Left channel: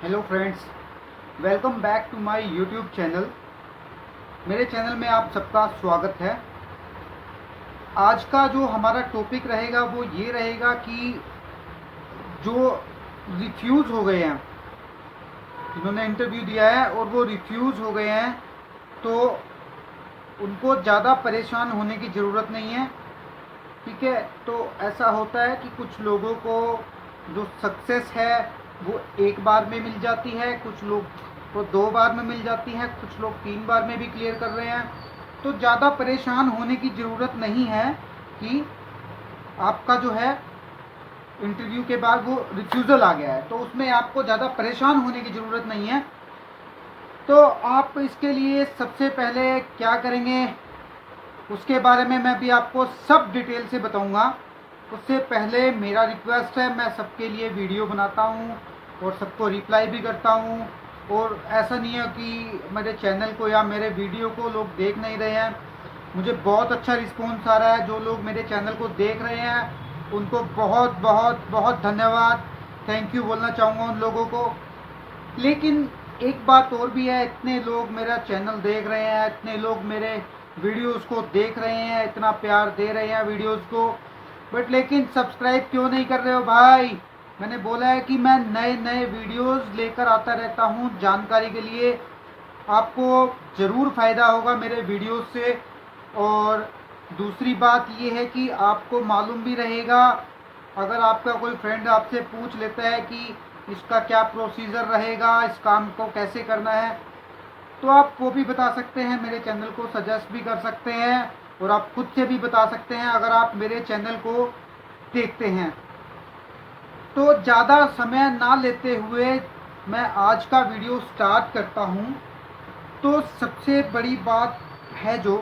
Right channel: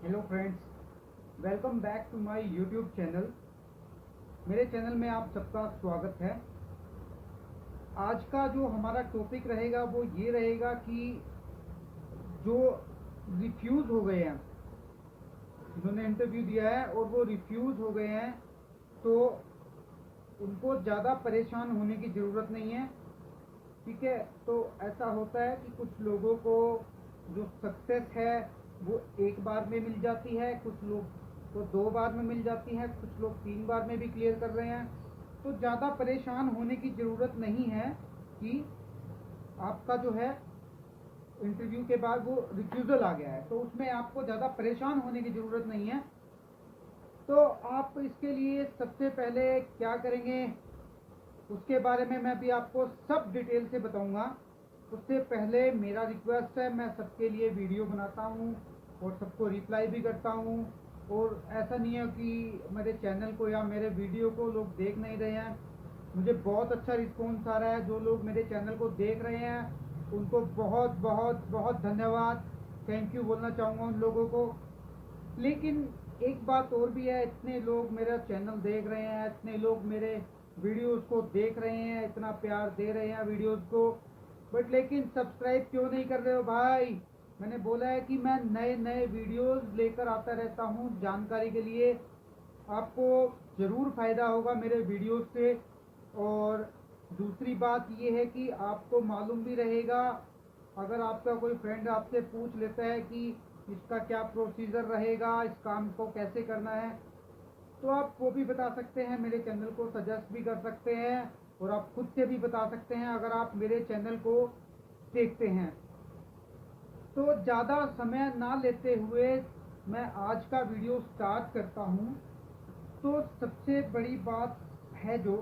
Hello friends, welcome back to my YouTube channel. मेरे channel में आप सबका स्वागत है। आज का जो हमारा टॉपिक रहेगा वो ये रहेगा कि जो रिफ्यूज़ हो गए हैं, जिन्होंने इंटरव्यू दिया है और वो रिफ्यूज़ हो गए हैं, तो उनको ज़्यादा परेशान होने की ज़रूरत नहीं है। ठीक है, तो ऐसा होता है कि कुछ लोगों को जो सक्सेस है वो एक बार में मिल जाती है, कुछ लोग को दो बार में मिल जाती है, कुछ लोग तीन बार में भी क्लियर कर रहे हैं। तो ज़्यादा परेशान होने की ज़रूरत नहीं है कि आपका जो है इंटरव्यू के बाद वो रिफ्यूज़ल आ गया है, तो उसमें आपको ज़्यादा परेशान होने की ज़रूरत नहीं है। तो आप इसके लिए सबसे पहले क्या करेंगे, उसके बारे में मैं भी आपको सब डिटेल से बताऊंगा। उससे पहले मेरा रिक्वेस्ट है, मैं सबके लिए वीडियो बनाता हूँ और सबको रिप्लाई भी करता हूँ। और ऐसा नहीं है कि मेरे चैनल को या मेरे वीडियो को लोग देख नहीं रहे हैं। मुझे बहुत अच्छा रिस्पॉन्स आ रहा है। जो लोग मेरे चैनल को देख रहे हैं उनको बहुत बहुत बहुत धन्यवाद, थैंक यू बोलना चाहूँगा उन लोगों को। लेकिन एक बात और भी है, इतने लोग मेरा चैनल देख रहे हैं, इतने लोग मेरे वीडियोस को देख रहे हैं, इतना प्यार दे रहे हैं वीडियोस को, बट लेकिन सब्सक्राइब क्यों नहीं कर रहे हो भाई? मैंने बोला है कि मैं नए नए वीडियोस लेकर आता रहता हूँ जानकारी के लिए। आपको ज़रूर फ़ायदा होगा मेरे वीडियोस से। और दूसरी बात ये है कि आपको मालूम भी रहेगा, अगर आपका कोई फ्रेंड आपसे पूछ लेता है कि इसका क्या प्रोसीजर रहेगा, इस काम को कैसे करना है, तो आप वो भी बता सकते हैं, मेरे चैनल को सजेस्ट भी कर सकते हैं और आप खुद से भी बता सकते हैं अगर आप मेरे चैनल को देखते हैं। तो ज़्यादा समय ना लेते हुए मैं आज का वीडियो स्टार्ट करता हूँ। तो सबसे बड़ी बात है जो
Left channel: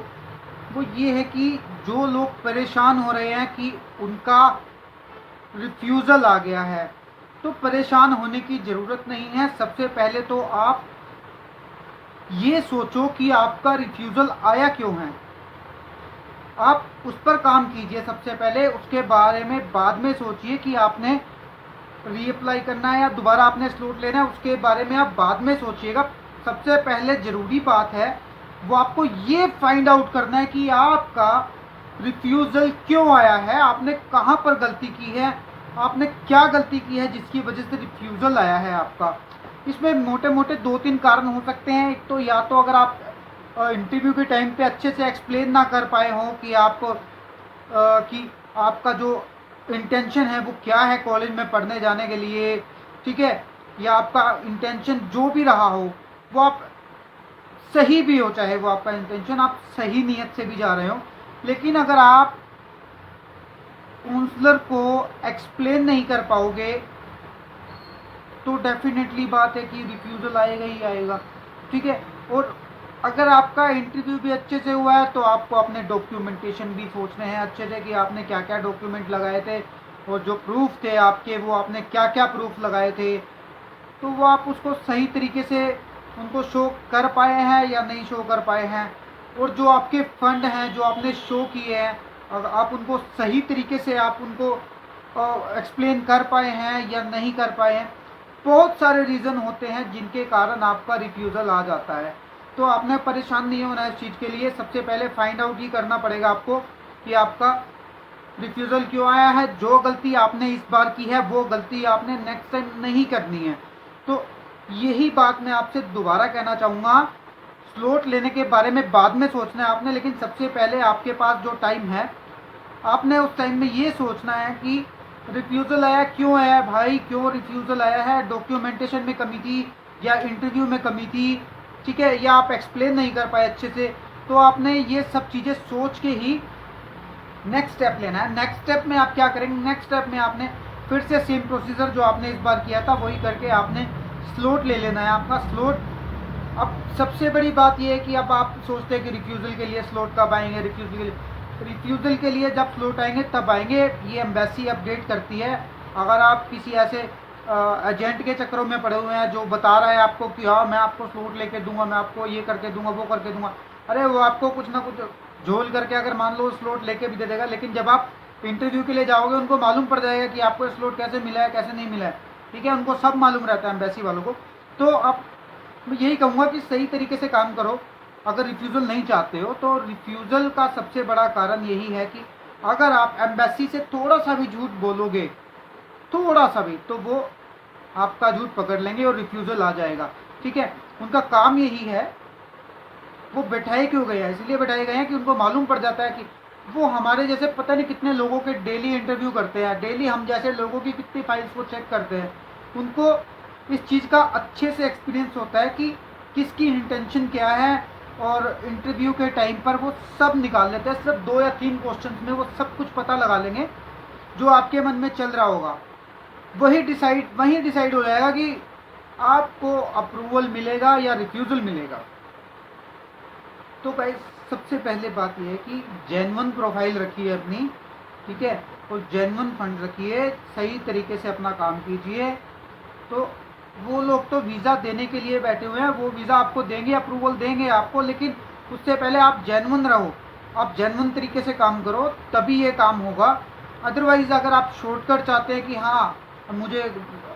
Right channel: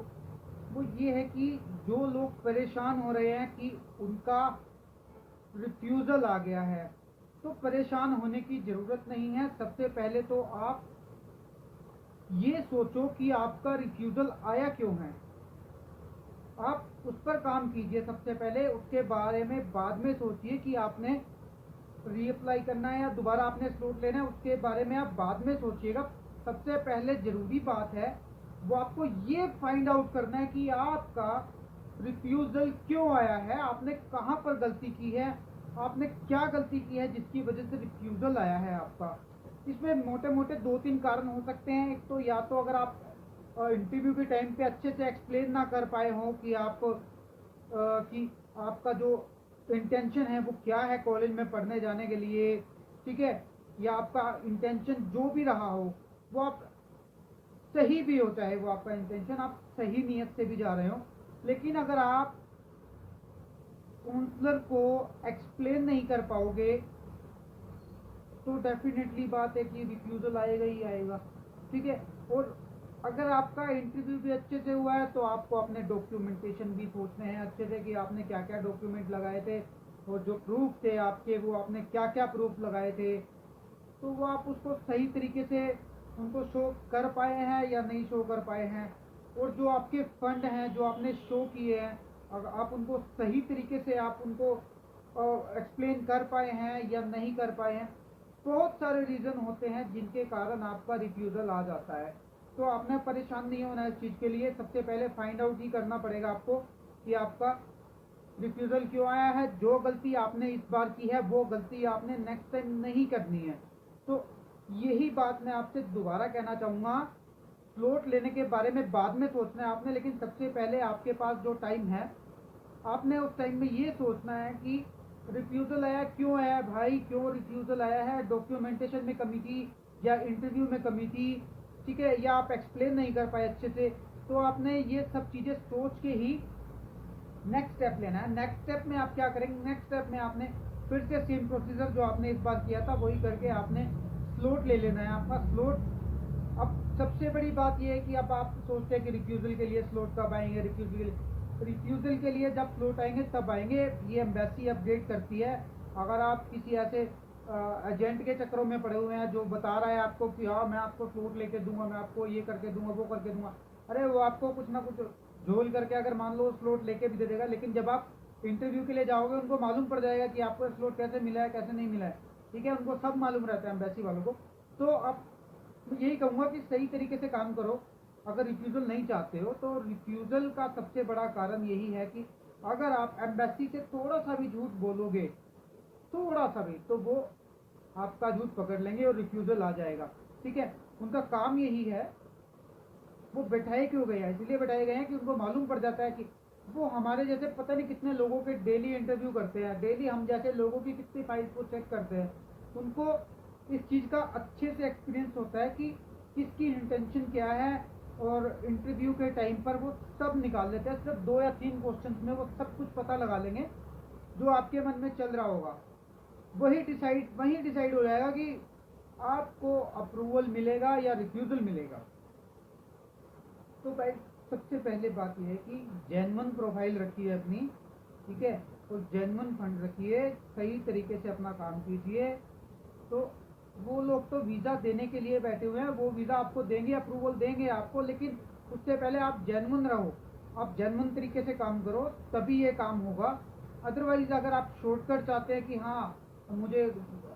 वो ये है कि जो लोग परेशान हो रहे हैं कि उनका रिफ्यूज़ल आ गया है, तो परेशान होने की ज़रूरत नहीं है। सबसे पहले तो आप ये सोचो कि आपका रिफ्यूज़ल आया क्यों है। आप उस पर काम कीजिए सबसे पहले, उसके बारे में बाद में सोचिए कि आपने रीअप्लाई करना है या दोबारा आपने स्लॉट लेना है, उसके बारे में आप बाद में सोचिएगा। सबसे पहले ज़रूरी बात है वो आपको ये फाइंड आउट करना है कि आपका रिफ्यूज़ल क्यों आया है, आपने कहाँ पर गलती की है, आपने क्या गलती की है जिसकी वजह से रिफ्यूज़ल आया है आपका। इसमें मोटे मोटे दो तीन कारण हो सकते हैं। एक तो या तो अगर आप इंटरव्यू के टाइम पे अच्छे से एक्सप्लेन ना कर पाए हों कि कि आपका जो इंटेंशन है वो क्या है कॉलेज में पढ़ने जाने के लिए, ठीक है, या आपका इंटेंशन जो भी रहा हो वो आप सही भी हो, चाहे वो आपका इंटेंशन आप सही नीयत से भी जा रहे हो, लेकिन अगर आप काउंसलर को एक्सप्लेन नहीं कर पाओगे तो डेफिनेटली बात है कि रिफ्यूज़ल आएगा ही आएगा। ठीक है, और अगर आपका इंटरव्यू भी अच्छे से हुआ है तो आपको अपने डॉक्यूमेंटेशन भी सोचने हैं अच्छे से कि आपने क्या क्या डॉक्यूमेंट लगाए थे और जो प्रूफ थे आपके वो आपने क्या क्या प्रूफ लगाए थे, तो वो आप उसको सही तरीके से उनको शो कर पाए हैं या नहीं शो कर पाए हैं। और जो आपके फंड हैं जो आपने शो किए हैं, अगर आप उनको सही तरीके से आप उनको एक्सप्लेन कर पाए हैं या नहीं कर पाए हैं। बहुत सारे रीज़न होते हैं जिनके कारण आपका रिफ्यूज़ल आ जाता है। तो आपने परेशान नहीं होना है इस चीज़ के लिए। सबसे पहले फाइंड आउट ही करना पड़ेगा आपको कि आपका रिफ्यूज़ल क्यों आया है। जो गलती आपने इस बार की है वो गलती आपने नेक्स्ट टाइम नहीं करनी है। तो यही बात मैं आपसे दोबारा कहना चाहूँगा। स्लॉट लेने के बारे में बाद में सोचना है आपने, लेकिन सबसे पहले आपके पास जो टाइम है आपने उस टाइम में ये सोचना है कि रिफ्यूज़ल आया क्यों आया भाई, क्यों रिफ्यूज़ल आया है, डॉक्यूमेंटेशन में कमी थी या इंटरव्यू में कमी थी, ठीक है, या आप एक्सप्लेन नहीं कर पाए अच्छे से। तो आपने ये सब चीज़ें सोच के ही नेक्स्ट स्टेप लेना है। नेक्स्ट स्टेप में आप क्या करेंगे, नेक्स्ट स्टेप में आपने फिर से सेम प्रोसीजर जो आपने इस बार किया था वही करके आपने स्लॉट ले लेना है आपका स्लॉट। अब सबसे बड़ी बात यह है कि अब आप सोचते हैं कि रिफ्यूज़ल के लिए स्लॉट कब आएंगे, रिफ्यूज़ल के लिए जब स्लॉट आएंगे तब आएंगे। ये एम्बेसी अपडेट करती है। अगर आप किसी ऐसे एजेंट के चक्करों में पड़े हुए हैं जो बता रहा है आपको कि हाँ मैं आपको स्लॉट लेके दूंगा, मैं आपको ये करके दूंगा वो करके दूंगा, अरे वो आपको कुछ ना कुछ झोल करके अगर मान लो स्लॉट लेके भी दे देगा, लेकिन जब आप इंटरव्यू के लिए जाओगे उनको मालूम पड़ जाएगा कि आपको स्लॉट कैसे मिला है कैसे नहीं मिला है। ठीक है, उनको सब मालूम रहता है एम्बेसी वालों को। तो अब मैं यही कहूँगा कि सही तरीके से काम करो। अगर रिफ्यूज़ल नहीं चाहते हो तो रिफ्यूज़ल का सबसे बड़ा कारण यही है कि अगर आप एम्बेसी से थोड़ा सा भी झूठ बोलोगे, थोड़ा सा भी, तो वो आपका झूठ पकड़ लेंगे और रिफ्यूज़ल आ जाएगा। ठीक है, उनका काम यही है। वो बैठाए क्यों गए हैं, इसलिए बैठाए गए हैं कि उनको मालूम पड़ जाता है कि वो हमारे जैसे पता नहीं कितने लोगों के डेली इंटरव्यू करते हैं, डेली हम जैसे लोगों की कितनी फाइल्स को चेक करते हैं। उनको इस चीज़ का अच्छे से एक्सपीरियंस होता है कि किसकी इंटेंशन क्या है, और इंटरव्यू के टाइम पर वो सब निकाल लेते हैं। सिर्फ 2 या 3 क्वेश्चन में वो सब कुछ पता लगा लेंगे जो आपके मन में चल रहा होगा। वही डिसाइड हो जाएगा कि आपको अप्रूवल मिलेगा या रिफ्यूज़ल मिलेगा। तो गाइस, सबसे पहले बात यह है कि जेन्युइन प्रोफाइल रखिए अपनी, ठीक है, और जेन्युइन फंड रखिए, सही तरीके से अपना काम कीजिए। तो वो लोग तो वीज़ा देने के लिए बैठे हुए हैं, वो वीज़ा आपको देंगे, अप्रूवल देंगे आपको, लेकिन उससे पहले आप जेन्युइन रहो, आप जेन्युइन तरीके से काम करो, तभी ये काम होगा। अदरवाइज़ अगर आप शॉर्टकट चाहते हैं कि हाँ मुझे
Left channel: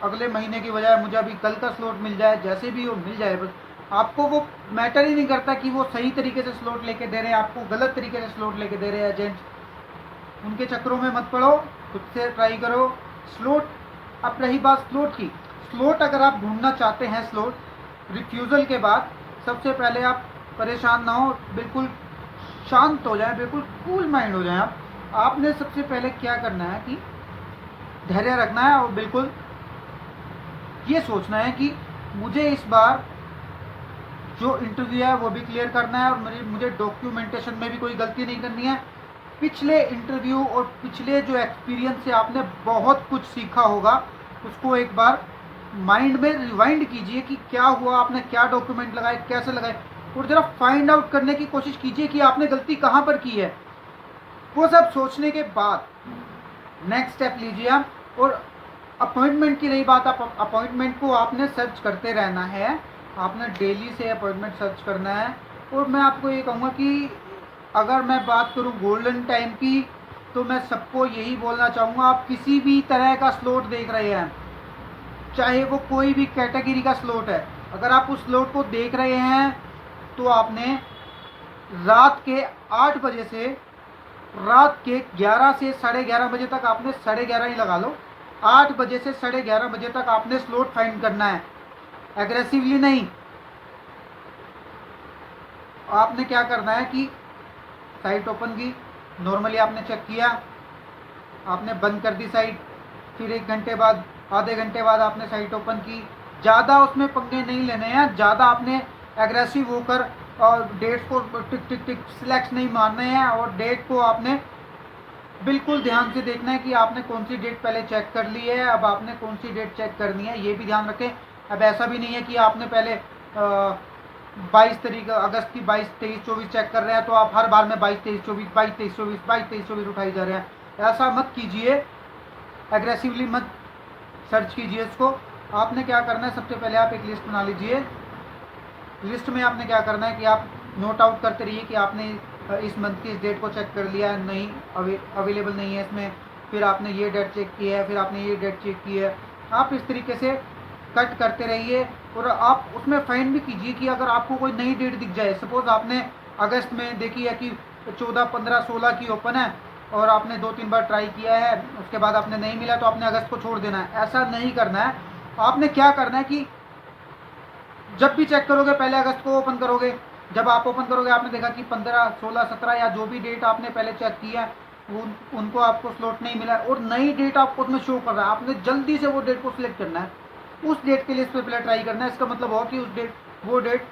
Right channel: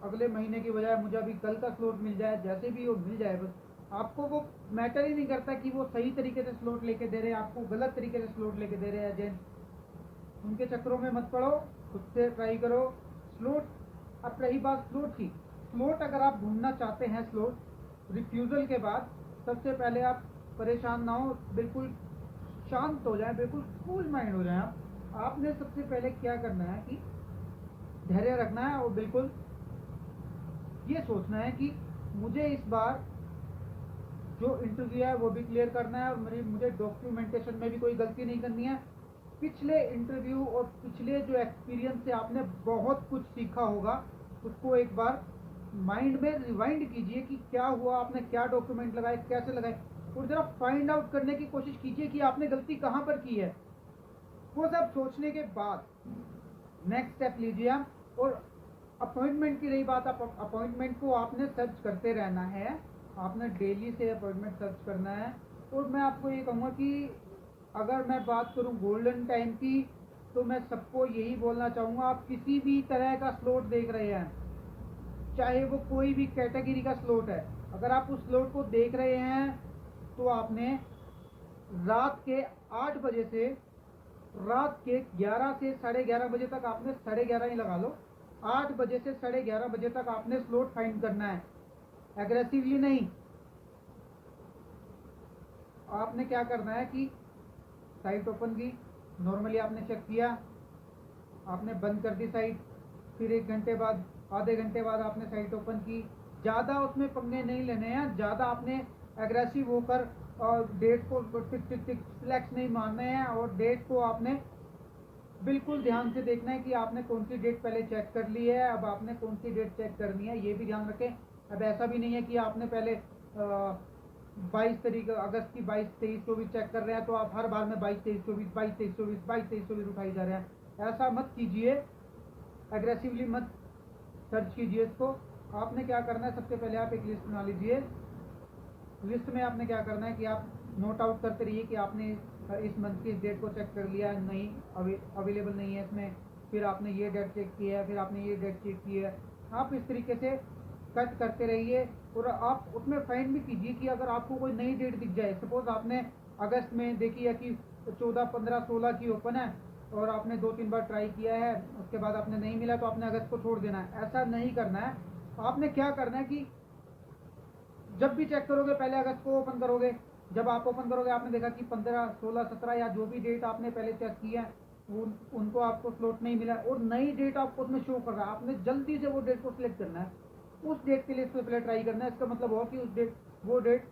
अगले महीने की बजाय मुझे अभी कल का स्लॉट मिल जाए, जैसे भी वो मिल जाए, बस आपको वो मैटर ही नहीं करता कि वो सही तरीके से स्लॉट लेके दे रहे हैं, आपको गलत तरीके से स्लॉट लेके दे रहे हैं एजेंट्स। उनके चक्करों में मत पड़ो, खुद से ट्राई करो स्लॉट। अब रही बात स्लॉट की, स्लॉट अगर आप ढूंढना चाहते हैं, स्लॉट रिफ्यूज़ल के बाद सबसे पहले आप परेशान ना हो, बिल्कुल शांत हो जाए, बिल्कुल कूल माइंड हो जाए। आपने सबसे पहले क्या करना है कि धैर्य रखना है और बिल्कुल ये सोचना है कि मुझे इस बार जो इंटरव्यू है वो भी क्लियर करना है, और मुझे डॉक्यूमेंटेशन में भी कोई गलती नहीं करनी है। पिछले इंटरव्यू और पिछले जो एक्सपीरियंस से आपने बहुत कुछ सीखा होगा, उसको एक बार माइंड में रिवाइंड कीजिए कि क्या हुआ, आपने क्या डॉक्यूमेंट लगाए, कैसे लगाए, और ज़रा फाइंड आउट करने की कोशिश कीजिए कि आपने गलती कहाँ पर की है। वो सब सोचने के बाद नेक्स्ट स्टेप लीजिए आप। और अपॉइंटमेंट की रही बात, आप अपॉइंटमेंट को आपने सर्च करते रहना है, आपने डेली से अपॉइंटमेंट सर्च करना है। और मैं आपको ये कहूँगा कि अगर मैं बात करूँ गोल्डन टाइम की, तो मैं सबको यही बोलना चाहूँगा, आप किसी भी तरह का स्लॉट देख रहे हैं, चाहे वो कोई भी कैटेगरी का स्लॉट है, अगर आप उस स्लॉट को देख रहे हैं तो आपने रात के 8 बजे से रात के 11 से 11:30 बजे तक, आपने 11:30 ही लगा लो, 8 बजे से 11:30 बजे तक आपने स्लॉट फाइंड करना है, एग्रेसिवली नहीं। आपने क्या करना है कि साइट ओपन की, नॉर्मली आपने चेक किया, आपने बंद कर दी साइट, फिर 1 घंटे बाद, आधे घंटे बाद आपने साइट ओपन की। ज़्यादा उसमें पंगे नहीं लेने हैं, ज़्यादा आपने एग्रेसिव होकर और डेट्स को टिक टिक टिक सिलेक्ट नहीं मारने हैं, और डेट को आपने बिल्कुल ध्यान से देखना है कि आपने कौन सी डेट पहले चेक कर ली है, अब आपने कौन सी डेट चेक करनी है, ये भी ध्यान रखें। अब ऐसा भी नहीं है कि आपने पहले 22 अगस्त की 22, 23, 24 चेक कर रहे हैं, तो आप हर बार में 22, 23, 24, 22, 23, 24, 22, 23, 24 उठाई जा रहे हैं। ऐसा मत कीजिए, एग्रेसिवली मत सर्च कीजिए इसको। आपने क्या करना है, सबसे पहले आप एक लिस्ट बना लीजिए। लिस्ट में आपने क्या करना है कि आप नोट आउट करते रहिए कि आपने इस मंथ की इस डेट को चेक कर लिया है, नहीं अवेलेबल नहीं है इसमें, फिर आपने ये डेट चेक की है, फिर आपने ये डेट चेक की है। आप इस तरीके से कट करते रहिए, और आप उसमें फाइंड भी कीजिए कि अगर आपको कोई नई डेट दिख जाए, सपोज आपने अगस्त में देखी है कि 14, 15, 16 की ओपन है, और आपने 2-3 बार ट्राई किया है, उसके बाद आपने नहीं मिला, तो आपने अगस्त को छोड़ देना है। ऐसा नहीं करना है। आपने क्या करना है कि जब भी चेक करोगे पहले अगस्त को ओपन करोगे। जब आप ओपन करोगे, आपने देखा कि 15, 16, 17 या जो भी डेट आपने पहले चेक किया उनको आपको स्लॉट नहीं मिला, और नई डेट आपको उसमें शो कर रहा है, आपने जल्दी से वो डेट को सिलेक्ट करना है, उस डेट के लिए इस पर पहले ट्राई करना है। इसका मतलब हो कि वो डेट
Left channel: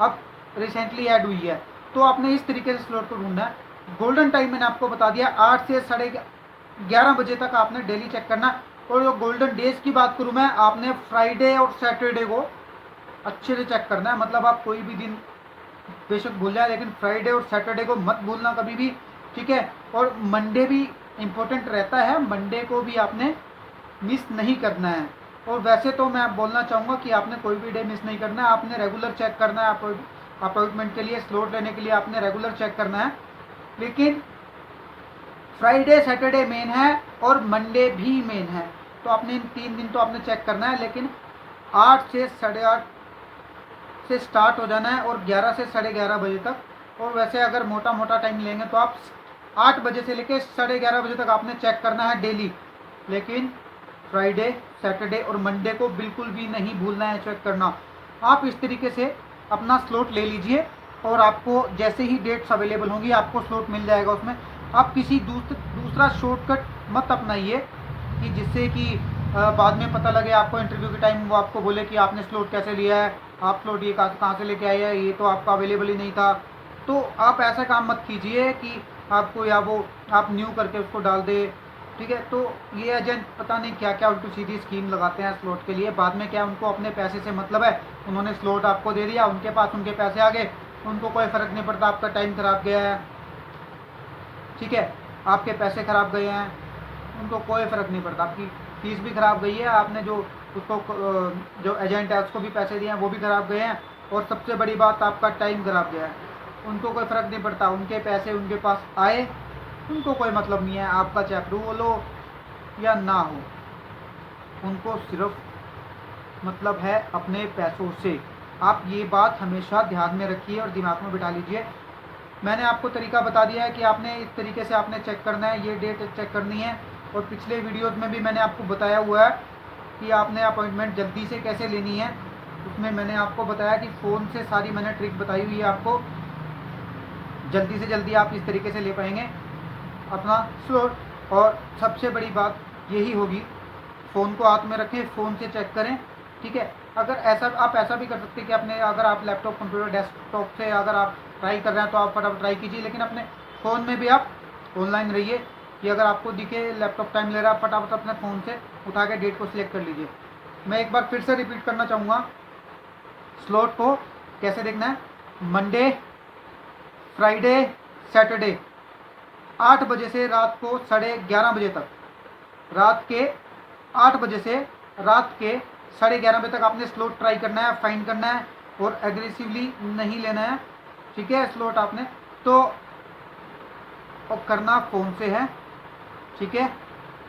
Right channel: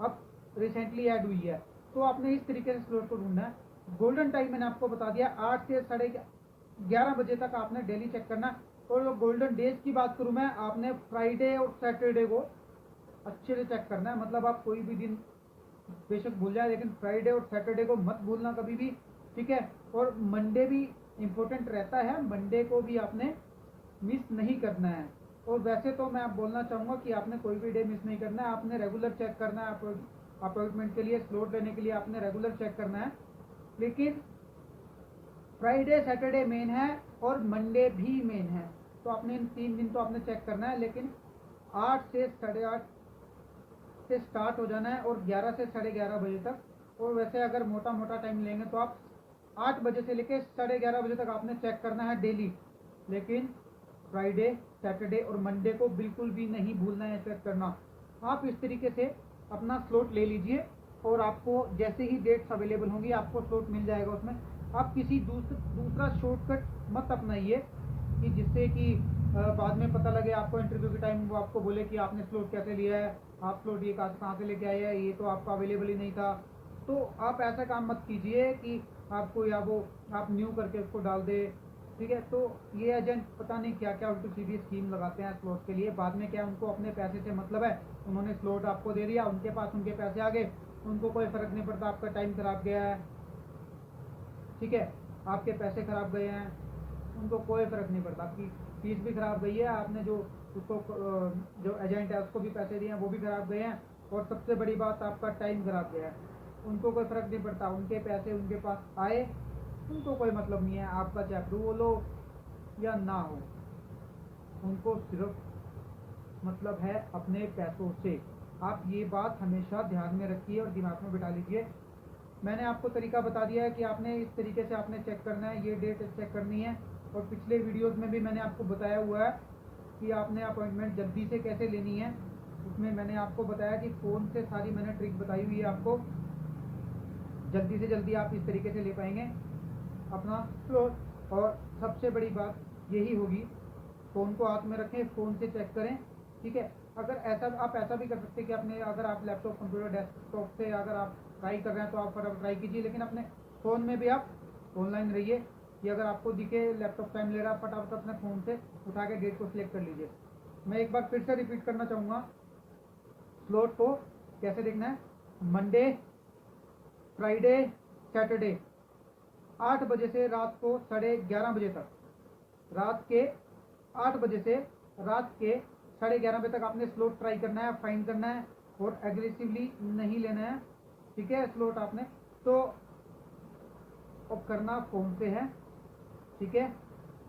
अब रिसेंटली ऐड हुई है, तो आपने इस तरीके से स्लॉट को ढूंढना है। गोल्डन टाइम मैंने आपको बता दिया, 8 से 11:30 बजे तक आपने डेली चेक करना। और जो गोल्डन डेज की बात करूँ मैं, आपने फ्राइडे और सैटरडे को अच्छे से चेक करना है। मतलब आप कोई भी दिन बेशक भूल जाए, लेकिन फ्राइडे और सैटरडे को मत भूलना कभी भी, ठीक है। और मंडे भी इम्पोर्टेंट रहता है, मंडे को भी आपने मिस नहीं करना है। और वैसे तो मैं बोलना चाहूँगा कि आपने कोई भी डे मिस नहीं करना है, आपने रेगुलर चेक करना है। अपॉइंटमेंट के लिए, स्लॉट लेने के लिए आपने रेगुलर चेक करना है, लेकिन फ्राइडे सैटरडे मेन है और मंडे भी मेन है। तो आपने इन 3 दिन तो आपने चेक करना है, लेकिन 8 से 8:30 से स्टार्ट हो जाना है और 11 से 11:30 बजे तक। और वैसे अगर मोटा मोटा टाइम लेंगे तो आप 8 बजे से लेकर 11:30 बजे तक आपने चेक करना है डेली। लेकिन फ्राइडे, सैटरडे और मंडे को बिल्कुल भी नहीं भूलना है चेक करना। आप इस तरीके से अपना स्लॉट ले लीजिए और आपको जैसे ही डेट्स अवेलेबल होंगी आपको स्लॉट मिल जाएगा उसमें। आप किसी दूसरा शॉर्टकट मत अपनाइए कि जिससे कि बाद में पता लगे आपको इंटरव्यू के टाइम वो आपको बोले कि आपने स्लॉट कैसे लिया है, आप स्लॉट ये कहाँ से लेके आए हैं, ये तो आपका अवेलेबल ही नहीं था। तो आप ऐसा काम मत कीजिए कि आपको या वो आप न्यू करके उसको डाल दे। ठीक है, तो ये एजेंट पता नहीं क्या क्या उल्टी सीधी स्कीम लगाते हैं स्लॉट के लिए। बाद में क्या उनको अपने पैसे से मतलब है, उन्होंने स्लॉट आपको दे दिया, उनके पास उनके पैसे आ गए, उनको कोई फ़र्क नहीं पड़ता आपका टाइम खराब गया है। ठीक है, आपके पैसे खराब गए हैं, उनको कोई फ़र्क नहीं पड़ता। आपकी फीस भी खराब गई है, आपने जो उसको जो एजेंट है उसको भी पैसे दिए हैं वो भी खराब गए हैं, और सबसे बड़ी बात आपका टाइम खराब गया है। उनको कोई फ़र्क नहीं पड़ता, उनके पैसे उनके पास आए, उनको कोई मतलब नहीं है आपका चाहे अप्रूवल हो या ना हो, उनको सिर्फ मतलब है अपने पैसों से। आप ये बात हमेशा ध्यान में रखिए और दिमाग में बिठा लीजिए। मैंने आपको तरीका बता दिया है कि आपने इस तरीके से आपने चेक करना है, ये डेट चेक करनी है। और पिछले वीडियोस में भी मैंने आपको बताया हुआ है कि आपने अपॉइंटमेंट जल्दी से कैसे लेनी है। उसमें मैंने आपको बताया कि फ़ोन से सारी मैंने ट्रिक बताई हुई है आपको, जल्दी से जल्दी आप इस तरीके से ले पाएंगे अपना स्लॉट। और सबसे बड़ी बात यही होगी, फ़ोन को हाथ में रखें, फ़ोन से चेक करें। ठीक है, अगर ऐसा आप ऐसा भी कर सकते हैं कि अपने अगर आप लैपटॉप, कंप्यूटर, डेस्कटॉप से अगर आप ट्राई कर रहे हैं तो आप फटाफट ट्राई कीजिए, लेकिन अपने फ़ोन में भी आप ऑनलाइन रहिए कि अगर आपको दिखे लैपटॉप टाइम ले रहा है, फटाफट अपने फ़ोन से उठा के डेट को सिलेक्ट कर लीजिए। मैं एक बार फिर से रिपीट करना चाहूँगा, स्लॉट को कैसे देखना है। मंडे, फ्राइडे, सैटरडे 8 बजे से रात को 11:30 बजे तक, रात के 8 बजे से रात के 11:30 बजे तक आपने स्लॉट ट्राई करना है, फाइंड करना है, और एग्रेसिवली नहीं लेना है। ठीक है, स्लॉट आपने तो और करना फ़ोन से है। ठीक है,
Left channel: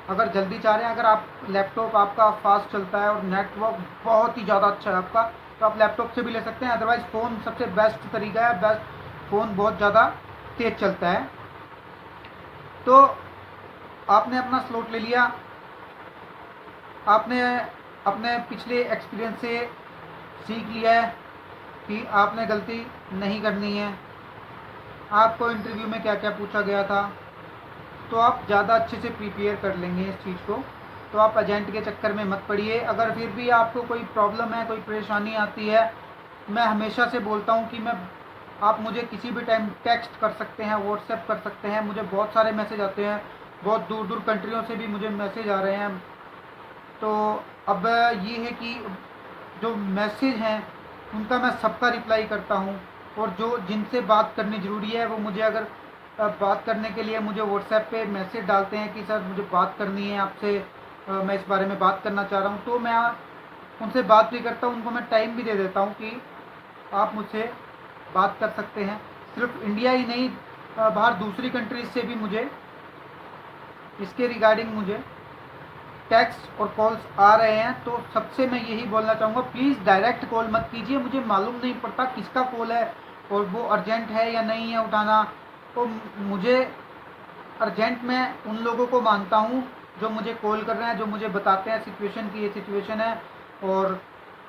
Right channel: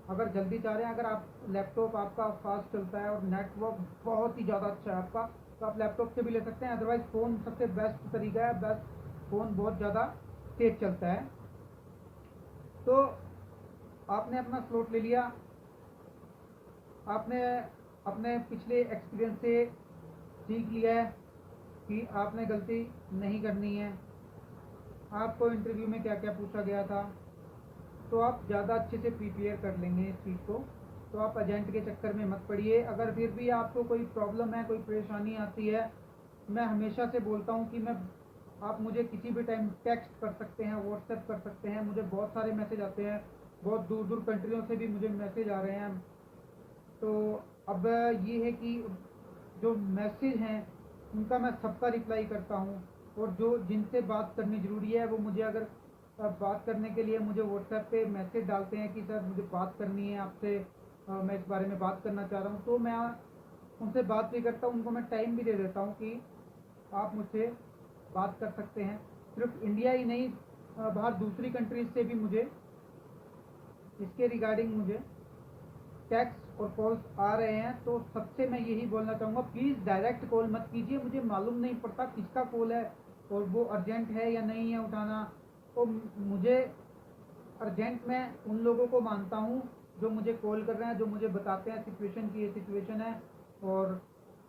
अगर जल्दी चाह रहे हैं, अगर आप लैपटॉप आपका फास्ट चलता है और नेटवर्क बहुत ही ज़्यादा अच्छा है आपका, तो आप लैपटॉप से भी ले सकते हैं। अदरवाइज़ फ़ोन सबसे बेस्ट तरीका है, बेस्ट फ़ोन बहुत ज़्यादा तेज़ चलता है। तो आपने अपना स्लॉट ले लिया, आपने अपने पिछले एक्सपीरियंस से सीख लिया है कि आपने गलती नहीं करनी है। आपको इंटरव्यू में क्या क्या पूछा गया था, तो आप ज़्यादा अच्छे से प्रिपेयर कर लेंगे इस चीज़ को। तो आप एजेंट के चक्कर में मत पड़िए। अगर फिर भी आपको कोई प्रॉब्लम है, कोई परेशानी आती है, मैं हमेशा से बोलता हूँ कि आप मुझे किसी भी टाइम टेक्स्ट कर सकते हैं, व्हाट्सएप कर सकते हैं। मुझे बहुत सारे मैसेज आते हैं, बहुत दूर दूर कंट्रियों से भी मुझे मैसेज आ रहे हैं। तो अब ये है कि जो मैसेज हैं उनका मैं सबका रिप्लाई करता हूँ, और जो जिनसे बात करनी ज़रूरी है वो मुझे अगर बात करने के लिए मुझे व्हाट्सएप पे मैसेज डालते हैं कि सर मुझे बात करनी है आपसे, मैं इस बारे में बात करना चाह रहा हूँ, तो मैं उनसे बात भी करता हूँ, उनको मैं टाइम भी दे देता हूँ कि आप मुझसे बात कर सकते हैं। सिर्फ इंडिया ही नहीं, बाहर दूसरी कंट्रीज से भी मुझे इसके रिगार्डिंग मुझे टेक्स्ट और कॉल्स आ रहे हैं। तो सबसे मैं यही बोलना चाहूँगा, प्लीज़ डायरेक्ट कॉल मत कीजिए। मुझे मालूम नहीं पड़ता किसका कॉल है और वो अर्जेंट है या नहीं है उठाना। तो मुझे अर्जेंट में उन लोगों को मानता हूँ जो मुझे कॉल कर रहे हैं, जो मुझे बताते हैं सिचुएशन की ये सिचुएशन है, और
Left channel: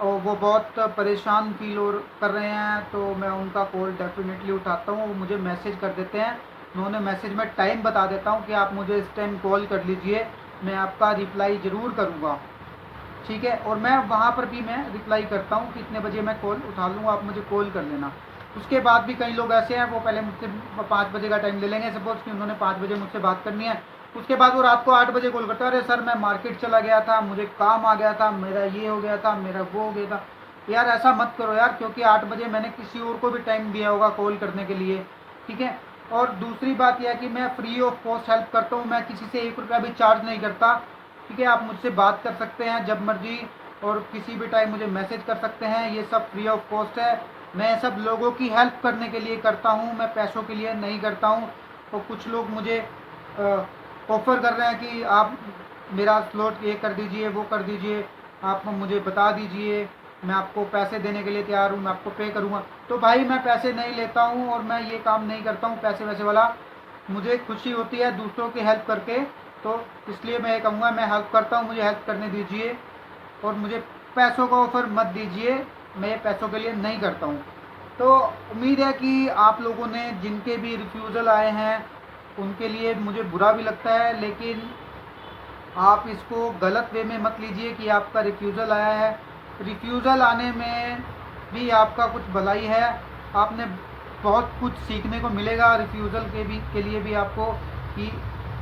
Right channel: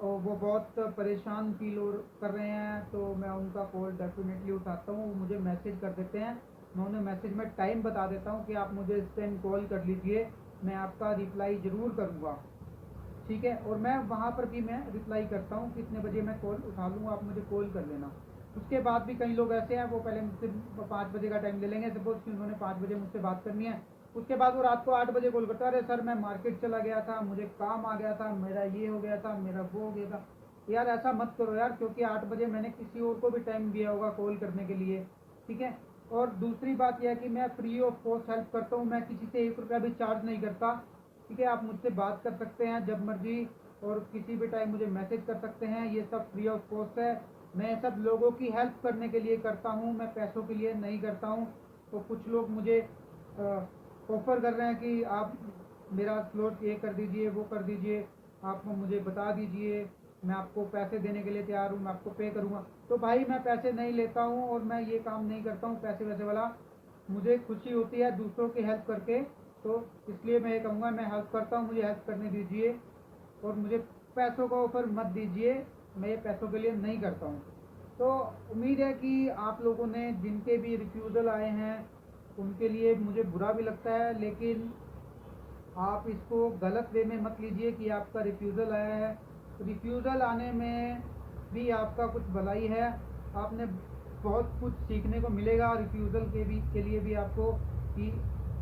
वो बहुत परेशान फील और कर रहे हैं, तो मैं उनका कॉल डेफिनेटली उठाता हूँ। वो मुझे मैसेज कर देते हैं, मैं उन्हें मैसेज में टाइम बता देता हूँ कि आप मुझे इस टाइम कॉल कर लीजिए, मैं आपका रिप्लाई ज़रूर करूँगा। ठीक है, और मैं वहाँ पर भी मैं रिप्लाई करता हूँ कि इतने बजे मैं कॉल उठा लूँगा, आप मुझे कॉल कर लेना। उसके बाद भी कई लोग ऐसे हैं, वो पहले मुझसे 5 बजे का टाइम ले लेंगे, सपोज़ कि उन्होंने 5 बजे मुझसे बात करनी है। उसके बाद वो रात को 8 बजे कॉल करता है, अरे सर मैं मार्केट चला गया था, मुझे काम आ गया था, मेरा ये हो गया था, मेरा वो हो गया था। यार ऐसा मत करो यार, क्योंकि 8 बजे मैंने किसी और को भी टाइम दिया होगा कॉल करने के लिए। ठीक है, और दूसरी बात यह है कि मैं फ्री ऑफ कॉस्ट हेल्प करता हूँ, मैं किसी से 1 रुपया भी चार्ज नहीं करता। ठीक है, आप मुझसे बात कर सकते हैं जब मर्जी और किसी भी टाइम मुझे मैसेज कर सकते हैं, ये सब फ्री ऑफ कॉस्ट है। मैं सब लोगों की हेल्प करने के लिए करता हूँ, मैं पैसों के लिए नहीं करता हूँ। तो कुछ लोग मुझे ऑफ़र कर रहे हैं कि आप मेरा स्लॉट ये कर दीजिए, वो कर दीजिए, आप मुझे बता दीजिए, मैं आपको पैसे देने के लिए तैयार हूँ, मैं आपको पे करूँगा। तो भाई मैं पैसे नहीं लेता हूँ और मैं ये काम नहीं करता हूँ पैसे वैसे वाला। मुझे खुशी होती है दूसरों की हेल्प करके, तो इसलिए मैं ये कहूँगा मैं हेल्प करता हूँ, मुझे हेल्प करने दीजिए और मुझे पैसों का ऑफ़र मत दीजिए, मैं ये पैसों के लिए नहीं करता हूँ। तो उम्मीद है कि आप लोगों ने जिनके भी रिफ्यूज़ल आए हैं उनके लिए मुझे बुरा भी लगता है, लेकिन आप इसको गलत वे में मत लीजिए कि आपका रिफ्यूज़ल आया है। रिफ्यूज़ल आने में भी आपका कुछ भलाई है, आपने बहुत कुछ सीखने को मिलेगा रिफ्यूज़ल के लिए भी आपको, कि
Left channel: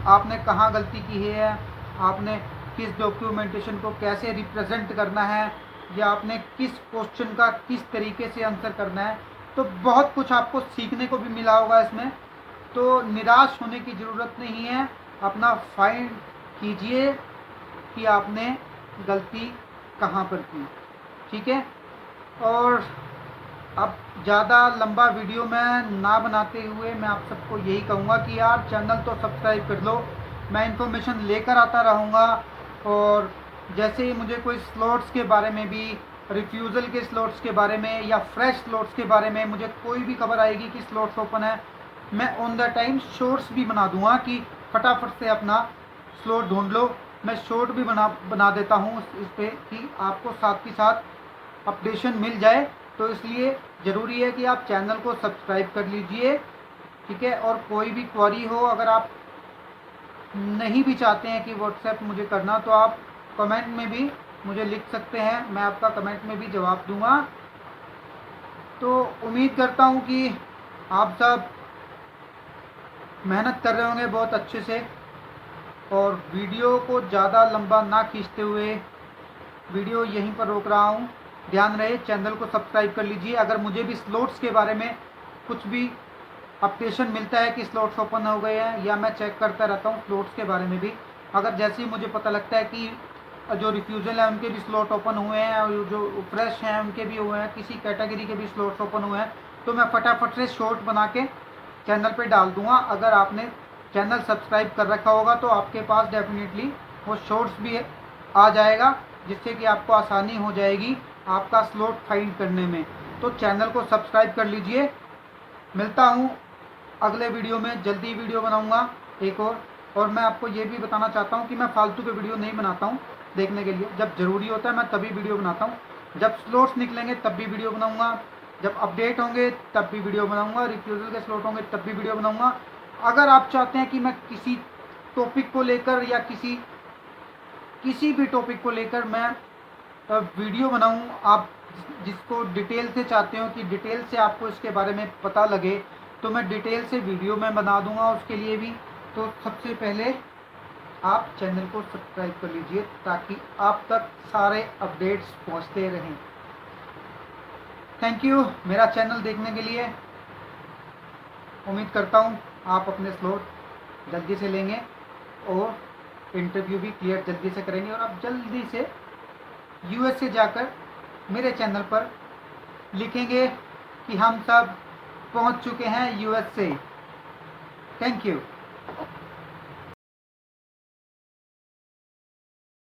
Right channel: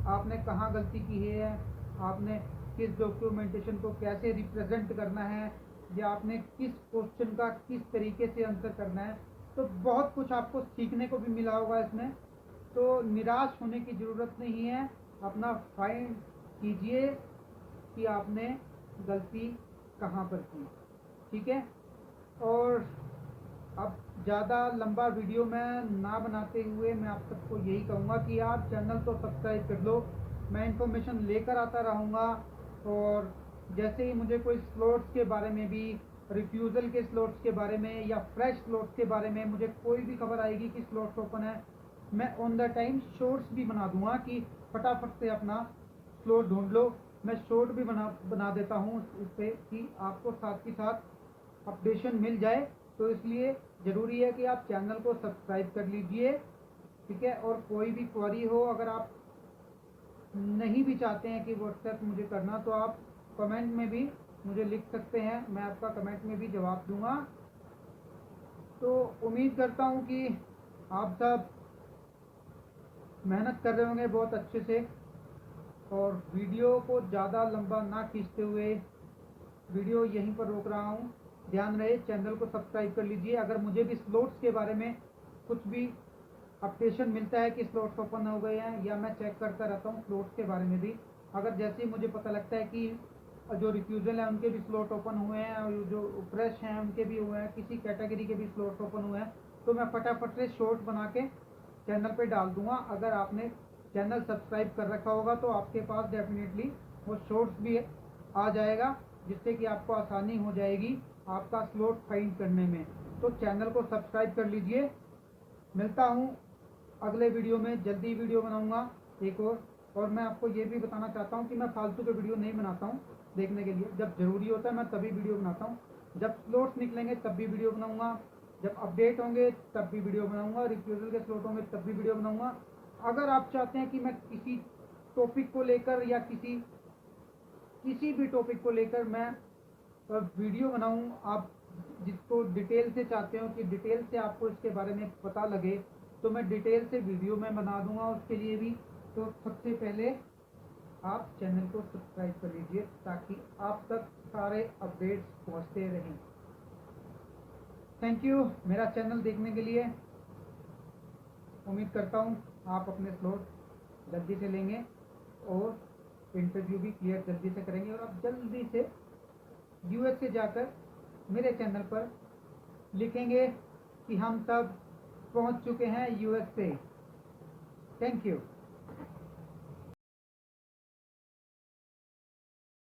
आपने कहाँ गलती की है, आपने किस डॉक्यूमेंटेशन को कैसे रिप्रेजेंट करना है, या आपने किस क्वेश्चन का किस तरीके से आंसर करना है। तो बहुत कुछ आपको सीखने को भी मिला होगा इसमें। तो निराश होने की ज़रूरत नहीं है, अपना फाइंड कीजिए कि आपने गलती कहाँ पर की, ठीक है। और अब ज़्यादा लंबा वीडियो मैं ना बनाते हुए मैं आप सबको यही कहूँगा कि यार चैनल तो सब्सक्राइब कर लो, मैं इन्फॉर्मेशन लेकर आता रहूँगा। और जैसे ही मुझे कोई स्लॉट्स के बारे में भी, रिफ्यूज़ल के स्लॉट्स के बारे में या फ्रेश स्लॉट्स के बारे में मुझे कोई भी खबर आएगी कि स्लॉट्स ओपन है, मैं ऑन द टाइम शॉर्ट्स भी बना दूंगा कि फटाफट से अपना स्लॉट ढूंढ लो। मैं शॉर्ट भी बना देता हूँ इस पर कि आपको साथ के साथ अपडेशन मिल जाए। तो इसलिए ज़रूरी है कि आप चैनल को सब्सक्राइब कर लीजिए, ठीक है। और कोई भी क्वेरी हो, अगर आप नहीं भी चाहते हैं कि व्हाट्सएप मुझे करना, तो आप कमेंट में भी मुझे लिख सकते हैं, मैं आपका कमेंट में भी जवाब दूंगा। तो उम्मीद करता हूँ कि आप सब मेहनत कर रहे होंगे बहुत अच्छे से। और वीडियो को ज़्यादा लंबा ना खींचते हुए वीडियो यहीं पर रोक रहा हूँ। ध्यान रहे चैनल को सब्सक्राइब कर लीजिए। अगर मुझे भी स्लॉट्स के बारे में कुछ भी अपडेशन मिलता है कि स्लॉट्स ओपन हो गए हैं, या मैं चेक करता रहता हूँ स्लॉट्स के बारे में भी, अगर जैसे ही मुझे पता लगता है कि जो रिफ्यूज़ल है उनके भी स्लॉट ओपन हुए हैं और जो फ्रेश हैं उनके भी हुए हैं, किसी कैटेगरी के भी स्लॉट्स ओपन हुए हैं, तो मैं फटाफट से शॉर्ट बना के चैनल पे डाल दूंगा। अगर आपने चैनल सब्सक्राइब कर रखा होगा तो आपके पास डेफिनेटली वो शॉर्ट्स भी आ जाएगा, जिससे कि आपको आसानी हो जाएगी आपका स्लॉट फाइंड करने में। तो चैनल को सब्सक्राइब कर लीजिए। मिलता हूँ अगले वीडियो में, जल्दी वीडियो बनाऊँगा एक और मैं आपको ये भी बताना चाहता हूँ कि मैं फालतू के वीडियो नहीं बनाता हूँ देखने के लिए। जब ज़रूरी होता है मैं तभी वीडियो बनाता हूँ, जब स्लॉट्स निकलेंगे तब भी वीडियो बनाऊँगा, जब अपडेट होंगे तब भी वीडियो बनाऊँगा, रिफ्यूज़ल के स्लॉट होंगे तब भी वीडियो बनाऊँगा। अगर आप चाहते हैं कि मैं किसी टॉपिक को लेकर या किसी भी टॉपिक को लेकर मैं वीडियो बनाऊँ, आप जिसको डिटेल से चाहते हो कि डिटेल से आपको इसके बारे में पता लगे, तो मैं डिटेल से वीडियो में बना दूंगा उसके लिए भी। तो सबसे पहले आप चैनल को सब्सक्राइब कर लीजिए ताकि आप तक सारे अपडेट्स पहुंचते रहें। थैंक यू मेरा चैनल देखने के लिए। उम्मीद करता हूं आप अपने स्लॉट जल्दी से लेंगे और इंटरव्यू भी क्लियर जल्दी से करेंगे, और आप जल्दी से यूएस से जाकर मेरे चैनल पर लिखेंगे कि हम सब पहुंच चुके हैं यूएस से। Thank you.